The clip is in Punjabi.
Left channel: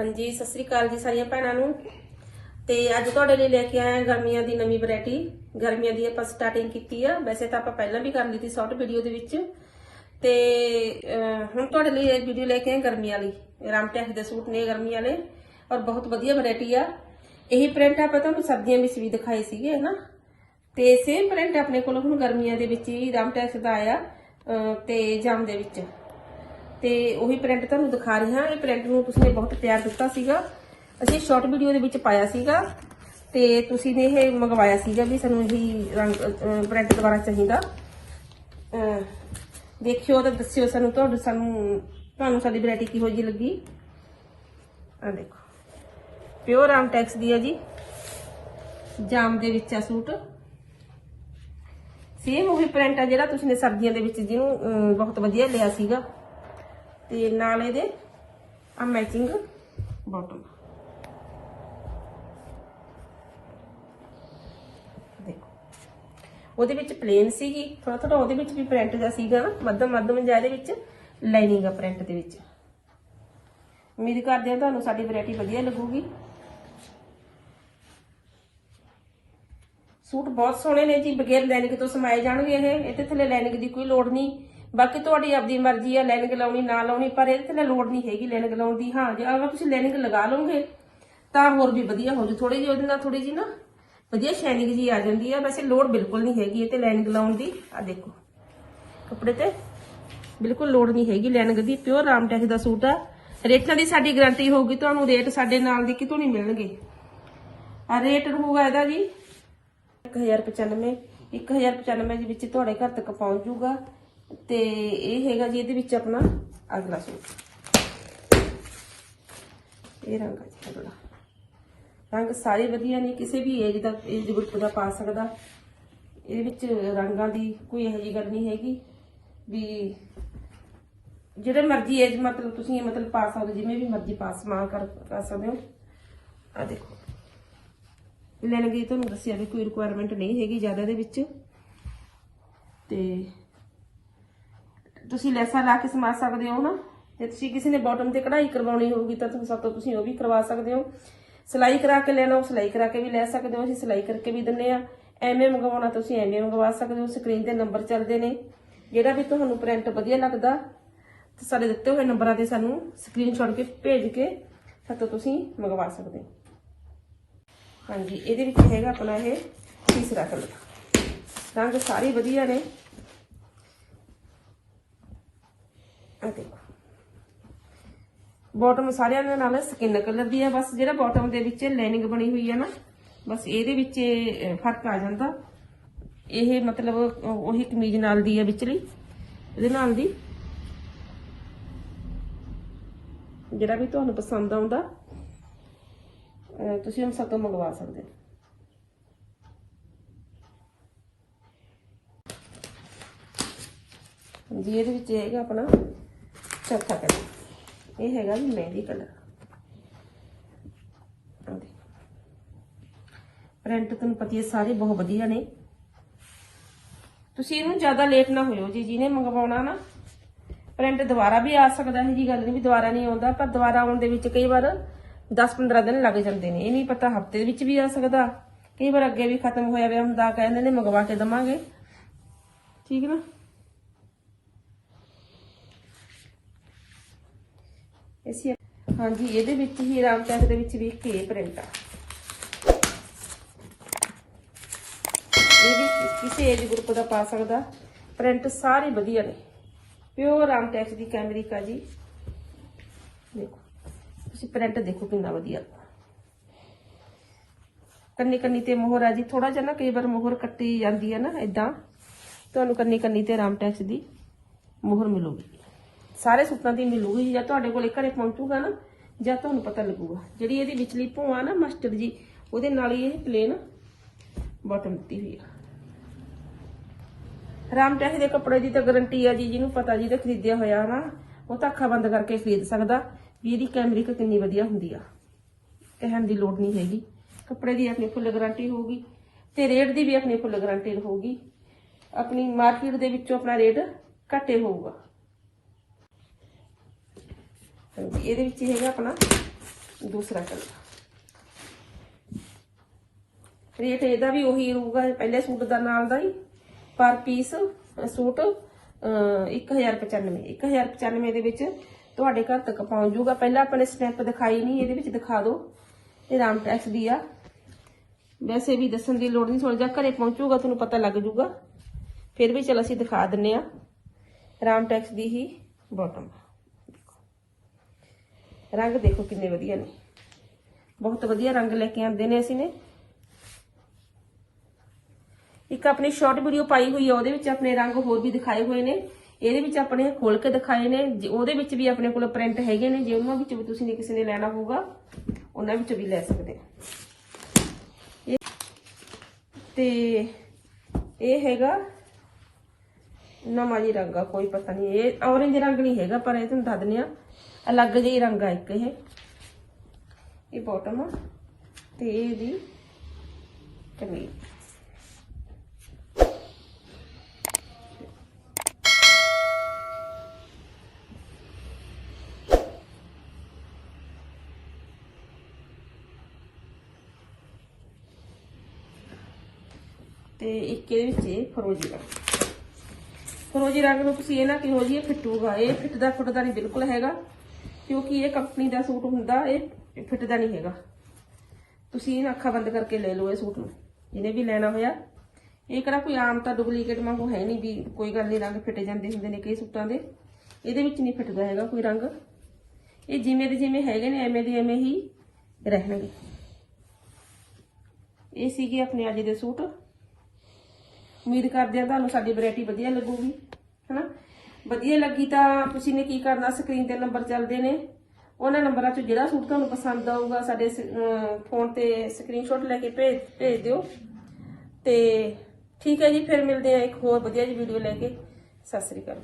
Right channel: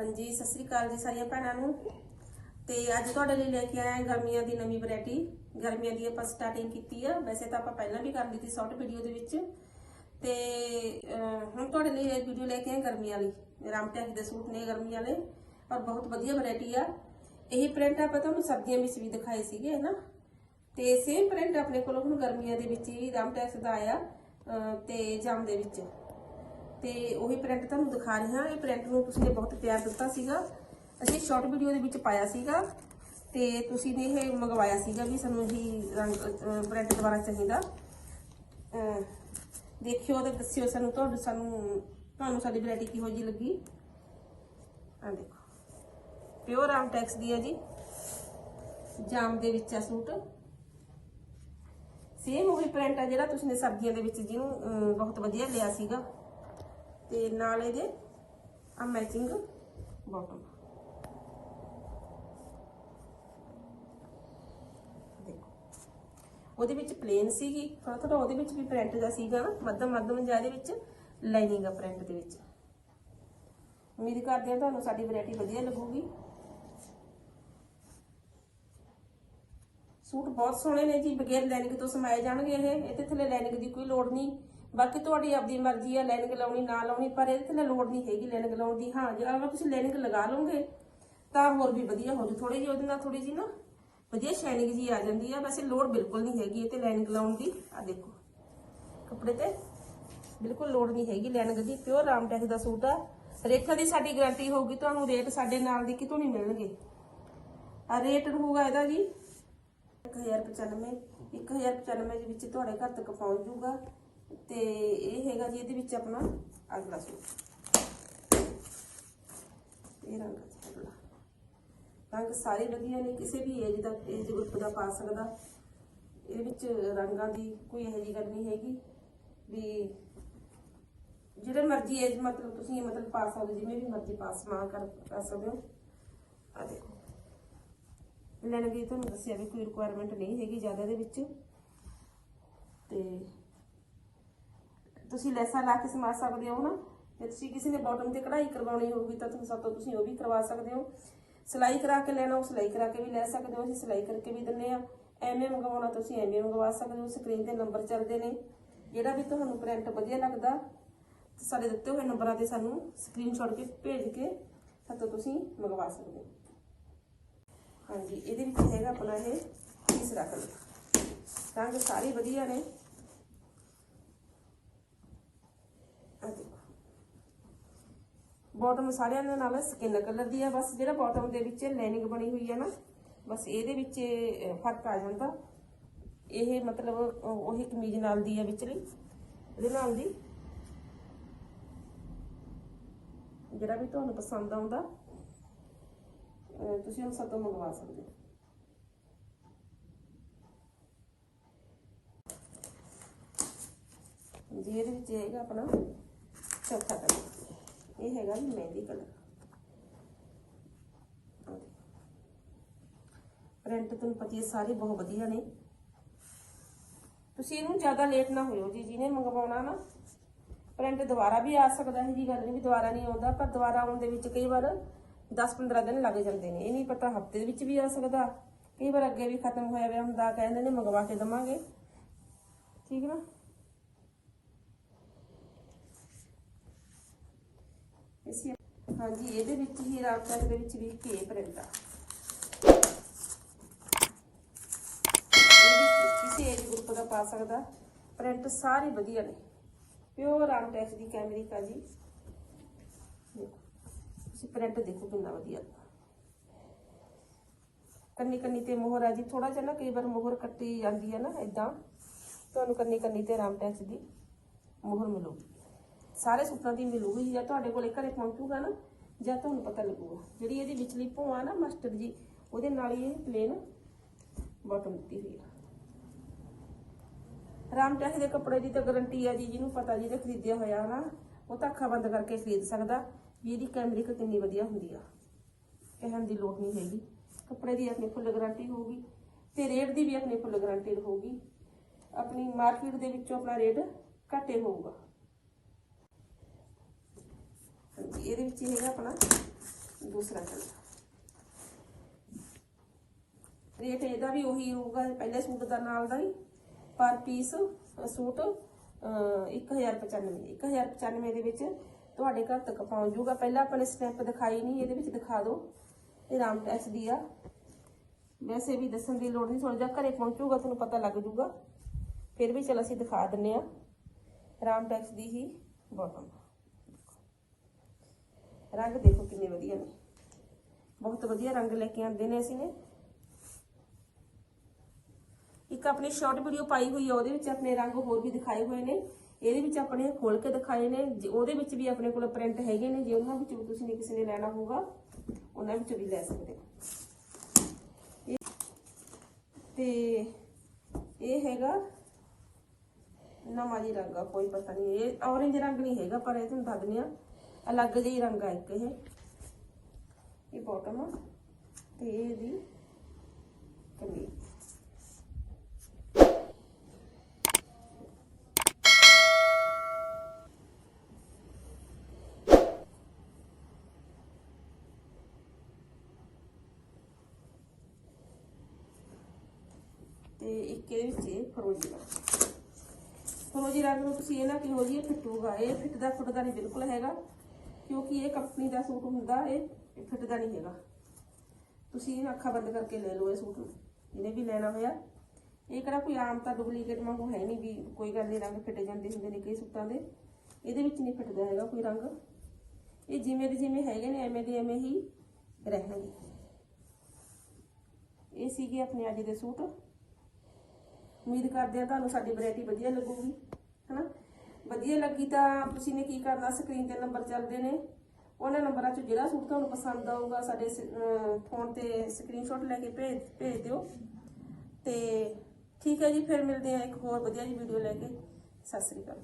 ਹਾਂਜੀ ਸਤਿ ਸ੍ਰੀ ਅਕਾਲ ਜੀ ਸਾਰੀਆਂ ਭੈਣਾਂ ਨੂੰ। ਤੇ ਅੱਜ ਤੁਹਾਡੇ ਲਈ ਲੈ ਕੇ ਆਏ ਗਰਮੀਆਂ ਦੀ ਨਵੀਂ ਵੈਰਾਈਟੀ। ਗਰਮੀਆਂ ਦੀ ਆਪਾਂ ਸਟਾਰਟਿੰਗ ਕੀਤੀ ਆ। ਵੈਸੇ ਤਾਂ ਆਪਾਂ ਪਹਿਲਾਂ ਵੀ ਕਰ ਲਈ ਸੀ ਸ਼ਾਰਟ ਵੀਡੀਓ ਦੇ ਵਿੱਚ। ਤੇ ਹੁਣ ਤੁਹਾਡੇ ਲਈ ਇਹ ਵੀਡੀਓ ਲੈ ਕੇ ਆਏ ਗਰਮੀਆਂ ਵਾਲੀ ਰਾਮਟੈਕ ਦੇ ਸੂਟ ਨੇ ਗਰਮੀਆਂ ਵਾਲੇ ਔਰ ਬਹੁਤ ਵਧੀਆ ਵੈਰਾਈਟੀ ਆ। ਇਹੀ ਪ੍ਰਿੰਟ ਆਪਾਂ ਤੁਹਾਨੂੰ ਸਰਦੀਆਂ ਵਿੱਚ ਵੀ ਦਿਖਾਏ ਸੀਗੇ ਹਨਾ? ਤੇ ਸੇਮ ਪ੍ਰਿੰਟ ਆਪਣੇ ਕੋਲ ਹੁਣ ਗਰਮੀਆਂ ਦੇ ਵਿੱਚ ਹੀ ਰਾਮਟੈਕ ਦਾ ਆਇਆ ਅਹ, ਤੇ ਜਾਮ ਦੇ ਵਿੱਚ। ਤੇ ਉਹੀ ਪ੍ਰਿੰਟ ਤੁਹਾਨੂੰ ਦਿਖਾ ਰਹੇ ਹਾਂ। ਇਹ ਪ੍ਰਿੰਟ ਨੂੰ ਤੁਸੀਂ ਨੇ ਬਹੁਤ ਪਿਆਰ ਦਿੱਤਾ ਸੀਗਾ। ਅਸੀਂ ਸ਼ਾਰਟ ਵੀਡੀਓ ਦੇ ਵਿੱਚ ਪਾਇਆ ਸੀਗਾ ਤੇ ਤੁਸੀਂ ਨੇ ਇਹ ਮੰਗਵਾਇਆ ਸੀਗਾ ਵੀ ਸਾਨੂੰ ਇਹੀ ਰੰਗ ਪ੍ਰਿੰਟ ਦੁਬਾਰਾ ਚਾਹੀਦਾ। ਦੇਖਿਓ ਤਾਂ ਦੱਸਿਓ ਸਾਨੂੰ ਤੁਹਾਨੂੰ ਸਾਨੂੰ, ਤੁਹਾਨੂੰ ਸਾਡੀ ਵੈਰਾਈਟੀ ਕਿਹੋ ਜਿਹੀ ਲੱਗੀ। ਆ ਦੇਖੋ। ਪਿਓਰ ਆਮਟੈਕਸ ਦੀ ਹੈ ਜੀ। ਜਾਮ ਦੇ ਵਿੱਚ ਆ ਸੂਟ। ਸੇਮ ਉਹੀ ਪ੍ਰਿੰਟ ਆ ਜਿਹੜਾ ਤੁਸੀਂ ਨੇ ਸਬਜ਼ੀਆਂ ਦੇ ਵਿੱਚ ਜਿਹਨੂੰ ਬਹੁਤ ਵਧੀਆ ਲਿਆ ਸੀਗਾ। ਤੇ ਨਾਲ ਇਹਦੇ ਆ ਮੈਚਿੰਗ ਬਾਟਮ ਦੇਖੋ। ਉਹਦੇ ਵਿੱਚ ਪਲੇਨ ਸੀਗੀ ਥੋੜਾ ਥੋੜਾ ਉਹਦੇ ਵਿੱਚ ਵੀ ਪ੍ਰਿੰਟ ਦਾ ਸੀਗਾ ਨਾ ਮੱਧਮ ਮੱਧਮ ਜਿਹਾ ਇਹਦੇ ਵਿੱਚ ਲਾਈਨਿੰਗ ਆ ਪ੍ਰਿੰਟ ਦੇ ਵਿੱਚ। ਉਮੀਦ ਕਰਦੇ ਹਾਂ ਤੁਹਾਨੂੰ ਸਾਡੀ ਵੈਰਾਈਟੀ ਵਧੀਆ ਲੱਗੂਗੀ। ਸੂਟ ਬਹੁਤ ਸੋਹਣੇ ਨੇ ਜੀ, ਬਗੈਰ ਲੈਨਿਕ ਤੋਂ ਸਮਾਏ ਜਾਣਗੇ ਇਹ ਇਹਦੇ ਥੱਲੇ ਲੈਨਿਕ ਦੀ ਕੋਈ ਲੋੜ ਨਹੀਂ। ਬਾਕੀ ਤੁਹਾਡੀ ਆਪਦੀ ਮਰਜ਼ੀ ਆ ਲਾਈਨਿੰਗ ਲਾਉਣੀ, ਨਾ ਲਾਉਣੀ, ਪਰ ਇਹਦੇ ਥੱਲੇ ਲੋੜ ਨਹੀਂ ਹੈਗੀ ਲਾਈਨਿੰਗ ਲਾਉਣ ਦੀ। ਹਾਂ, ਜੇ ਅਗਰ ਤੁਸੀਂ ਲਾਈਨਿੰਗ ਲਗਾ ਲਓਗੇ, ਤਾਂ ਹੋਰ ਵੀ ਵਧੀਆ ਹੋ ਜੂ ਥੋੜੀ ਜਿਹੀ ਉਹਦੇ ਨਾਲ ਥੋੜੀ ਜਿਹੀ ਨਾ ਵਧੀਆ ਸ਼ਾਈਨਿੰਗ ਜੀ ਆ ਜਾਂਦੀ ਆ, ਵੈਸੇ ਲੋੜ ਬਿਲਕੁਲ ਨਹੀਂ ਹੈਗੀ ਇਹ ਤੇ ਲਾਈਨਿੰਗ ਲਾਉਣ ਦੀ। ਆ ਦੇਖੋ, ਕੱਪੜੇ ਤੇ ਬਿਲਕੁਲ ਲੋੜ ਨਹੀਂ ਹੈਗੀ ਲਾਈਨਿੰਗ ਦੀ, ਪਿਓਰ ਰਾਮਟੈਕ ਦਾ ਸੂਟ ਆ। ਰੇਟਾਂ ਦੀ ਸਾਡੀ ਗਾਰੰਟੀ ਹੋਊਗੀ, ਤੁਹਾਨੂੰ ਰੇਟ ਸਾਡੇ ਨਾਲ ਦੇ ਕਿਤੋਂ ਨਹੀਂ ਮਿਲਣਗੇ। ਆ ਰੇਟ ਹੋਊਗਾ ਇਹਦਾ ਜੀ 1095 1095 ਦੇ ਵਿੱਚ ਤੁਹਾਡੇ ਘਰ ਤੱਕ ਪਹੁੰਚ ਜਾਊਗਾ ਤੇ ਇਹ ਹੈਗਾ ਜੀ ਇਹਦੇ ਵਿੱਚ ਆਪਣਾ ਅਗਲਾ ਸੂਟ। ਇਹ ਰੰਗ ਆ ਜੀ, ਅਗਲਾ। ਰੰਗ ਸਾਰੇ ਵਧੀਆ ਨੇ, ਕਿਸੇ ਵੀ ਏਜ ਦਾ ਏਜ ਗਰੁੱਪ ਦਾ ਪਾ ਸਕਦਾ। ਇਹਦੇ ਵਿੱਚ ਰੰਗਾਂ ਦੀ ਕੋਈ ਇਹੋ ਜਿਹੀ ਗੱਲ ਨਹੀਂ ਹੈਗੀ ਵੀ ਜਿਹੜੇ ਮਰਜ਼ੀ ਏਜ ਮਤਲਬ ਤੁਸੀਂ ਮਤਲਬ ਪਾ ਸਕਦੇ, ਜਿਵੇਂ ਵੀ ਮਰਜ਼ੀ ਪਾ ਸਮਾ ਕਰ ਕਰ ਸਕਦੇ ਹੋ। ਆ ਦੇਖੋ। ਲੈਣਗੇ, ਤੁਹਾਨੂੰ ਦੱਸਿਆ ਵੀ ਕੋਈ ਰਿਕੁਆਇਰਮੈਂਟ ਨਹੀਂ ਹੈਗੀ ਜ਼ਿਆਦਾ ਦੇ ਵਿੱਚ। ਤੇ ਤੁਸੀਂ ਲੈਸਾਂ ਲਾ ਕੇ ਸਮਾ ਸਕਦੇ ਹੋ ਨਾ? ਜੇ ਤੁਸੀਂ ਕਿਸੇ ਨੇ ਬਾਟਮ ਤੇ ਕਢਾਈ ਕਰਵਾਉਣੀ ਹੋਊਗੀ ਤਾਂ ਤੁਸੀਂ ਸਭ ਤੋਂ ਤੁਸੀਂ ਉਹ ਵੀ ਕਰਵਾ ਸਕਦੇ ਹੋ। ਸਿਲਾਈ ਕਰਾ ਕੇ ਲੈਣਾ ਉਹ ਸਿਲਾਈ ਕਰਾ ਕੇ ਵੀ ਲੈ ਸਕਦੇ ਹੋ, ਅਸੀਂ ਸਿਲਾਈ ਕਰਕੇ ਵੀ ਦਿੰਨੇ ਆ। ਐਵੇਂ ਮੰਗਵਾਉਣਾ ਤੁਸੀਂ ਐਵੇਂ ਮੰਗਵਾ ਸਕਦੇ ਹੋ ਸਕਰੀਨ ਤੇ ਨੰਬਰ ਚੱਲਦੇ ਨੇ। ਜਿਹੜਾ ਵੀ ਤੁਹਾਨੂੰ ਪ੍ਰਿੰਟ ਵਧੀਆ ਲੱਗਦਾ, ਤੇ ਸਾਡੇ ਦਿੱਤੇ ਹੋਏ ਨੰਬਰਾਂ ਤੇ ਸਾਨੂੰ ਸਕਰੀਨਸ਼ਾਟ ਕੇ ਭੇਜ ਕੇ ਸਾਤੋਂ ਤੁਸੀਂ ਮੰਗਵਾ ਸਕਦੇ ਹੋ। ਹਾਂਜੀ, ਇਹਦੇ ਵਿੱਚ ਹੈਗਾ ਆਪਣਾ ਇਹ ਤੀਸਰਾ ਕਲਰ। ਰੰਗ ਸਾਰੇ ਵਧੀਆ ਨੇ। ਆ ਦੇਖੋ। ਬਾਟਮ ਸਾਰਿਆਂ ਦੇ ਨਾਲ ਸਕਿਨ ਕਲਰ ਦੀ ਹੈ ਬਸ ਜਿਹੜਾ ਬਾਟਮ ਦੇ ਵਿੱਚ ਲਾਈਨਿੰਗ ਬਣੀ ਹੋਈ ਹੈ ਨਾ ਬਸ ਇਹਦੇ ਵਿੱਚ ਫ਼ਰਕ ਆ ਜਾਂਦਾ। ਇਹ ਮਤਲਬ ਅਹ, ਉਹੀ ਕਮੀਜ਼ ਨਾਲ ਦੀ ਹੈ ਵਿਚਲੀ ਇਹਦੇ ਨਾਲ ਦੀ। ਜਿਹੜਾ ਵੀ ਤੁਹਾਨੂੰ ਪਸੰਦ ਆਉਂਦਾ ਤੁਸੀਂ ਹਮ ਸਭ ਤੋਂ ਮੰਗਵਾ ਸਕਦੇ ਹੋ। ਜੀ ਇਹਦੇ ਵਿੱਚ ਹੈਗਾ ਆਪਣਾ ਚੌਥਾ ਕਲਰ। ਇਹ ਹੈਗਾ ਜੀ ਮਹਿੰਦੀ ਕਲਰ। ਪ੍ਰਿੰਟ ਤੁਹਾਨੂੰ ਪਤੀ ਹੈ ਸਾਰੇ ਬਹੁਤ ਵਧੀਆ ਨੇ। ਤੁਸੀਂ ਇਹਨੂੰ ਜ਼ਿਆਦਾ ਲੇਟ ਨਾ ਹੋਇਓ ਜੀ, ਜਿਹਨੇ ਮੰਗਵਾਉਣਾ ਨਾ। ਪ੍ਰਿੰਟ ਦੁਬਾਰਾ ਵੀ ਆ ਸਕਦਾ ਹੈ ਜੀ ਗੱਲ ਨਹੀਂ ਵੀ ਦੁਬਾਰਾ ਨਹੀਂ ਆਉਂਦਾ। ਪਰ ਦੁਬਾਰਾ ਆਉਣ ਦੇ ਵਿੱਚ ਕਈ ਵਾਰ 10-15 ਦਿਨ ਲੱਗ ਜਾਂਦੇ ਨੇ। ਇਹ ਨਹੀਂ ਪਤਾ ਹਫ਼ਤੇ ਵਿੱਚ ਵੀ ਆ ਸਕਦਾ। ਕਈ ਵਾਰ ਅੱਗੇ ਵੀ ਖਤਮ ਹੋਇਆ ਪਿਆ ਹੁੰਦਾ, ਕਹਿੰਦੇ ਨੇ ਮੰਗਵਾ ਕੇ ਦਵਾਂਗੇ। ਠੀਕ ਨਾ? ਇਸੇ ਹਾਂਜੀ, ਇਹਦੇ ਵਿੱਚ ਹੀ ਰਾਮਟੈਕ ਦੇ ਵਿੱਚ ਵੀ ਇੱਕ ਇਹ ਪ੍ਰਿੰਟ ਆ। ਇਹ ਵੀ ਕਿਸੇ ਏਜ ਗਰੁੱਪ ਦਾ ਪਾ ਸਕਦਾ। ਪ੍ਰਿੰਟ ਸਾਰੇ ਵਧੀਆ ਨੇ। ਪਿਓਰ ਰਾਮਟੈਕ ਦੀ ਕੈਮਰਿਕਾ ਜੀ। ਦੇਖੋ, ਤੁਸੀਂ ਪ੍ਰਿੰਟ ਦੇਖੋ ਕਿੰਨਾ ਵਧੀਆ। ਕੰਨੀ ਕੰਨੀ ਤੇ ਮੋਹਰ ਆ ਜੀ। ਥੋੜਾ ਜਿਹਾ ਨਾ ਕਈ ਵਾਰ ਮੋਹਰ ਕੱਟੀ ਜਾਂਦੀ ਹੈ ਨਾ ਇਦਾਂ ਤੁਹਾਨੂੰ ਕੰਨੀ ਕੰਨੀ ਤੇ ਰਾਮਟੈਕਸ ਦੀ ਮੋਹਰ ਮਿਲੂਗੀ। ਸਾਰੇ ਸੂਟਾਂ ਦੀ ਮਿਲੂਗੀ, ਜਾਂ ਤੁਹਾਡੇ ਕੋਲ ਘਰੇ ਪਹੁੰਚੂਗਾ ਨਾ, ਜਾਂ ਤੁਹਾਨੂੰ ਪਤਾ ਲੱਗੂਗਾ। ਜਿਹੜੀ ਇਹਦੀ ਵਿਚਲੀ ਭੂਆ ਨਾ ਮਸਟਰਡ ਜੀ, ਉਹਦੇ ਨਾਲ ਹੀ ਇਹ ਪਲੇਨ ਬਾਟਮ ਦਿੱਤੀ ਹੋਈ ਆ। ਰਾਮਟੈਕ ਦੇ ਕੱਪੜੇ ਦੀ ਤਾਂ ਗਾਰੰਟੀ ਆ ਜੀ, ਜਿਹਨੂੰ ਪਤਾ ਜੀ ਤੇ ਖਰੀਦਿਆ ਹੋਇਆ ਨਾ ਉਹ ਤਾਂ ਅੱਖਾਂ ਬੰਦ ਕਰਕੇ ਖਰੀਦ ਸਕਦਾ। ਵੀ ਇਹਦੀ ਕੈਮਰਿਕ ਕਿੰਨੀ ਵਧੀਆ ਹੁੰਦੀ ਆ। ਕਹਿਣ ਦੀ ਲੋੜ ਨਹੀਂ ਹੈਗੀ। ਕੱਪੜੇ ਦੀ ਆਪਣੀ ਫੁੱਲ ਗਾਰੰਟੀ ਹੋਊਗੀ, ਤੇ ਰੇਟ ਦੀ ਵੀ ਆਪਣੀ ਫੁੱਲ ਗਾਰੰਟੀ ਹੋਊਗੀ ਆਪਣੀ ਮਾਰਕੀਟ ਦੇ ਵਿੱਚੋਂ ਆਪਣਾ ਰੇਟ ਘੱਟੇ ਹੋਊਗਾ। ਹਾਂਜੀ, ਇਹਦੇ ਵਿੱਚ ਹੈਗਾ ਆਪਣਾ ਦੂਸਰਾ ਕਲਰ ਰੇਟ ਇਹਦਾ ਵੀ ਉਹੀ ਰਹੂਗਾ ਪਹਿਲੇ ਸੂਟ ਦਾ ਨਾਲ ਦਾ ਹੀ ਪਰ ਪੀਸ ਸੂਟ ਅਹ, 1095 1095 ਦੇ ਵਿੱਚ ਤੁਹਾਡੇ ਘਰ ਤੱਕ ਪਹੁੰਚ ਜਾਊਗਾ। ਪਹਿਲਾਂ ਆਪਣੇ ਸਨੈਪ ਦਿਖਾਈ ਨਹੀਂ ਇਹਦੇ ਵਿੱਚ ਦਿਖਾ ਦਿਓ। ਇਹ ਰਾਮ ਟੈਕਸ ਦੀ ਆ। ਵੈਸੇ ਵੀ ਦੱਸਣ ਦੀ ਲੋੜ ਨਹੀਂ ਥੋੜਾ ਜਿਹਾ ਘਰੇ ਪਹੁੰਚੂਗਾ ਤੁਹਾਨੂੰ ਪਤਾ ਲੱਗ ਜਾਊਗਾ। ਫਿਰ ਵੀ ਚਲ ਅਸੀਂ ਦਿਖਾ ਦਿੰਨੇ ਆ। ਰਾਮ ਟੈਕਸ ਦੀ ਹੀ ਬਾਟਮ ਰੰਗ ਦੇਖੋ ਕਿੰਨੇ ਵਧੀਆ ਨੇ। ਬਹੁਤ ਵਧੀਆ ਰੰਗ ਲੈ ਕੇ ਆਂਦੇ ਨੇ ਅਸੀਂ ਨੇ। ਇੱਕ ਆਪਣੀ ਸ਼ਾਰਟ ਵੀਡੀਓ ਪਾਈ ਹੋਈ ਆ, ਉਹਦੇ ਵਿੱਚ ਆਪਣੇ ਰੰਗ ਹੋਰ ਵੀ ਦਿਖਾਏ ਹੋਏ ਨੇ। ਇਹਦੇ ਵਿੱਚ ਆਪਣੇ ਖੋਲ ਕੇ ਦਿਖਾਏ ਨੇ। ਉਹਦੇ ਵਿੱਚ ਵੀ ਆਪਣੇ ਕੋਲ ਪ੍ਰਿੰਟ ਹੈਗੇ ਨੇ, ਜੇ ਉਹਨਾਂ ਵਿੱਚ ਵੀ ਤੁਸੀਂ ਨੇ ਕਿਸੇ ਨੇ ਲੈਣਾ ਹੋਊਗਾ, ਉਹਨਾਂ ਵਿੱਚ ਵੀ ਲੈ ਸਕਦੇ ਹੋ। ਤੇ ਇਹ ਹੈਗਾ ਨਵਾਂ ਜੀ ਰੰਗ ਆ, ਕੋਈ ਪਤਾ ਨਹੀਂ। ਇਹ ਔਰੰਜ ਰੰਗ ਨਹੀਂ ਹੈਗਾ, ਪਰ ਇਹ ਤੁਹਾਨੂੰ ਦੱਸ ਦਿੰਦੇ ਆ ਅਲੱਗ ਜਿਹੀ ਰੰਗ ਆ ਇੱਕ ਇਹ। ਇਹ ਬਾਟਮ ਤੇ ਇਹਦੀ ਕਮੀਜ਼ ਤੇ ਇੱਕ ਇਹਦੇ ਵਿੱਚ ਇਹ ਫਰੋਜੀ ਰੰਗ। ਫਰੋਜੀ ਰੰਗ ਨੂੰ ਤੁਸੀਂ ਇਹ ਨਾ ਕਿਹੋ ਜੀ ਇਹ ਫਿੱਟੂਗਾ। ਇਹ ਫਿੱਟਦਾ ਫੁੱਟਦਾ ਨਹੀਂ, ਬਿਲਕੁਲ ਹੈਗਾ। ਕਿਉਂਕਿ ਇਹ ਕੰਪਨੀ ਦਾ ਸੂਟ ਹੁੰਦਾ, ਇਹ ਫਿੱਟਦਾ ਨਹੀਂ ਹੈਗਾ। ਤੁਸੀਂ ਇਹਨਾਂ ਅੱਖਾਂ ਬੰਦ ਕਰਕੇ ਲੈ ਲਓ ਇਹ ਸੂਟ ਨੂੰ, ਜਿਹਨੇ ਵੀ ਲੈਣਾ ਹੋਇਆ। ਇਹ ਕਿਹੜਾ ਕੋਈ ਆਮ ਤਾਂ ਡੁਪਲੀਕੇਟ ਵਾਂਗੂ ਹੈ ਨਹੀਂ ਵੀ ਕੋਈ ਗੱਲ ਨਹੀਂ, ਰੰਗ ਫਿੱਟ ਜਾਂਦੇ ਹੁੰਦੇ ਨੇ ਕਈ ਸੂਟਾਂ ਦੇ। ਇਹਦੇ ਵਿੱਚ ਨਹੀਂ ਫਿੱਟਦਾ ਹੈਗਾ ਕੋਈ ਰੰਗ। ਇਹ ਜਿਵੇਂ ਦੇ ਜਿਵੇਂ ਹੈਗੇ ਨੇ, ਐਵੇਂ ਦੇ ਐਵੇਂ ਹੀ ਰਹਿਣਗੇ। ਇਹ ਸੀਗੇ ਆਪਣੇ ਅੱਜ ਦੇ ਸੂਟ। ਉਮੀਦ ਕਰਦੇ ਆ ਤੁਹਾਨੂੰ ਸਾਡੀ ਵੈਰਾਈਟੀ ਵਧੀਆ ਲੱਗੂਗੀ, ਹਨਾ? ਵਧੀਆ ਲੱਗੀ ਤਾਂ ਤੁਸੀਂ ਨੇ ਕੀ ਕਰਨਾ ਸਕਰੀਨ ਤੇ ਨੰਬਰ ਚੱਲਦੇ ਨੇ। ਉਹਨਾਂ ਨੰਬਰਾਂ 'ਚੋਂ ਜਿਹੜਾ ਸੂਟ ਤੁਹਾਨੂੰ ਪਸੰਦ ਆਊਗਾ, ਸਾਡੇ ਫੋਨ ਤੇ ਸਕਰੀਨਸ਼ਾਟ ਲੈ ਕੇ ਭੇਜ ਭੇਜ ਦਿਓ। ਤੇ ਠੀਕ ਹੈ ਜੀ, ਫਿਰ ਮਿਲਦੇ ਆ ਇੱਕ ਹੋਰ ਵਧੀਆ ਜੀ ਵੀਡੀਓ ਲੈ ਕੇ। ਸਤਿ ਸ੍ਰੀ ਅਕਾਲ